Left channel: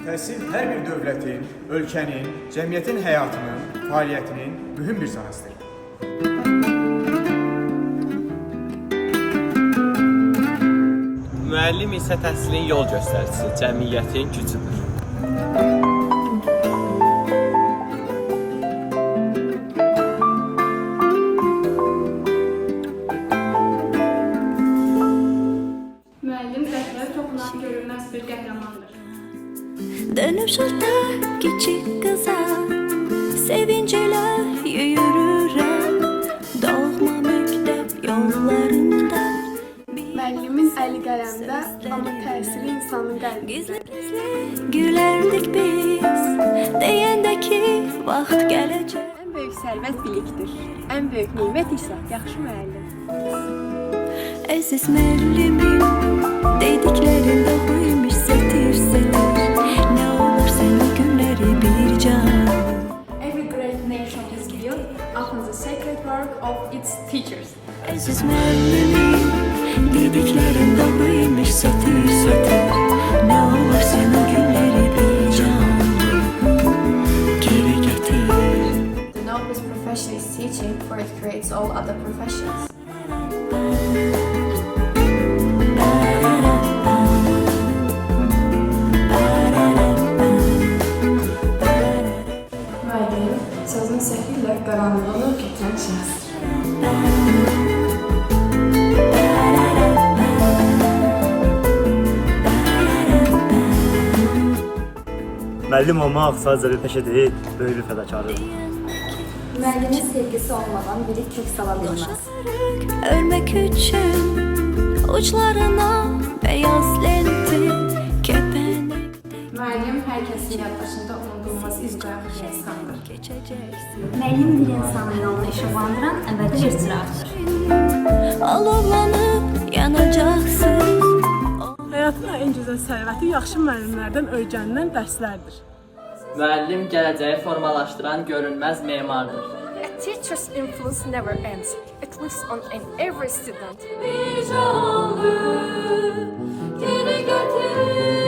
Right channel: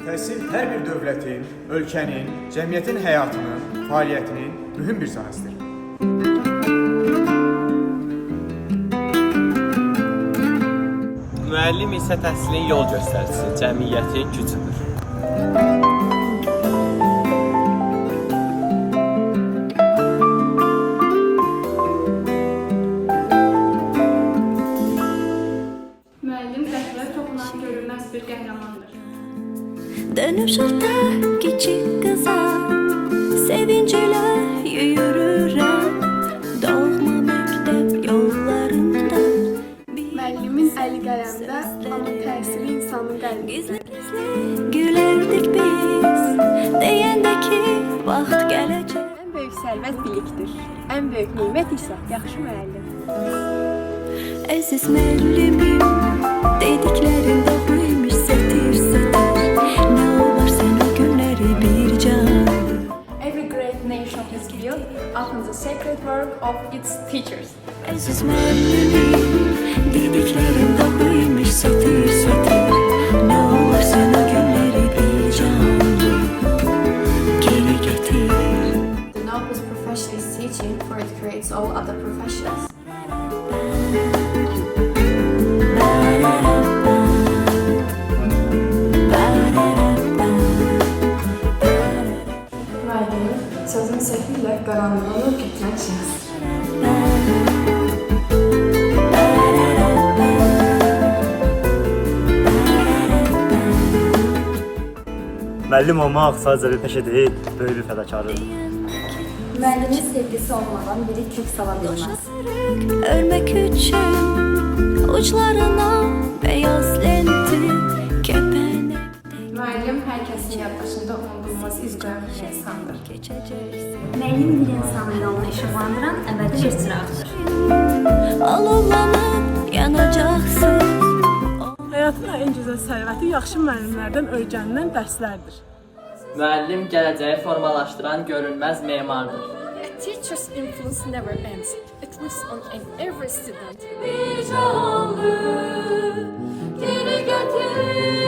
Təhsil hər bir dövlətin, ölkənin, cəmiyyətin həyatının, fəaliyyətinin mühüm bir sahəsidir. Müəllim isə təhsilin yol göstəricisi, cəmiyyətin gücüdür. Müəllim rəhbər toxunan görünməz bir qəhrəmandır. Dönüp şurada küçük kıza sevinciyle yürürüm doğma mektep yollarında. Müəllimin əli qələmdə, amma təsiri insanın qəlbində. Gizli gizli gülerdik biz deyəndə ki vaxt gələcək. Ən böyük sərvət bilikdir. Ən böyük nimət isə yaxşı müəllim. Əziz müəllimim dediklərin doğruymuş sətir sətir. Ne olur sen o günleri bir can. Every great nation is built upon the sacred work of its teachers. Əziz müəllimim dediklərin doğruymuş sətir sətir. Ne olur sen o günleri bir canlı geri getir. The noblest profession is teaching, for it creates all other professions. Müəllim sözün səhilə qaranlığını gətirən şəxs. Müəllim olmaq sadəcə bir peşə deyil, böyük bir fədakarlıqdır. Müəllimin sevgisi olmadan biri kök sala bilməz. Örmek için uçlarına beyaz lenti kepenek Müəllim hər kəsin yaddaşında unudulmaz iz qoyan bir insandır. geçeceksin. Müəllim bir insanın yolunu işıqlandıran əbədi bir çıraqdır. Alovlanıp yanacaksın. Həyatın ən gözəl sərvəti yaxşı müəllimlərdən öyrənilən dərslərdir. Müəllim gələcəyi formalaşdıran görünməz memardır. A teacher's influence never ends. It lives on in every student. Bir canlı geri getir.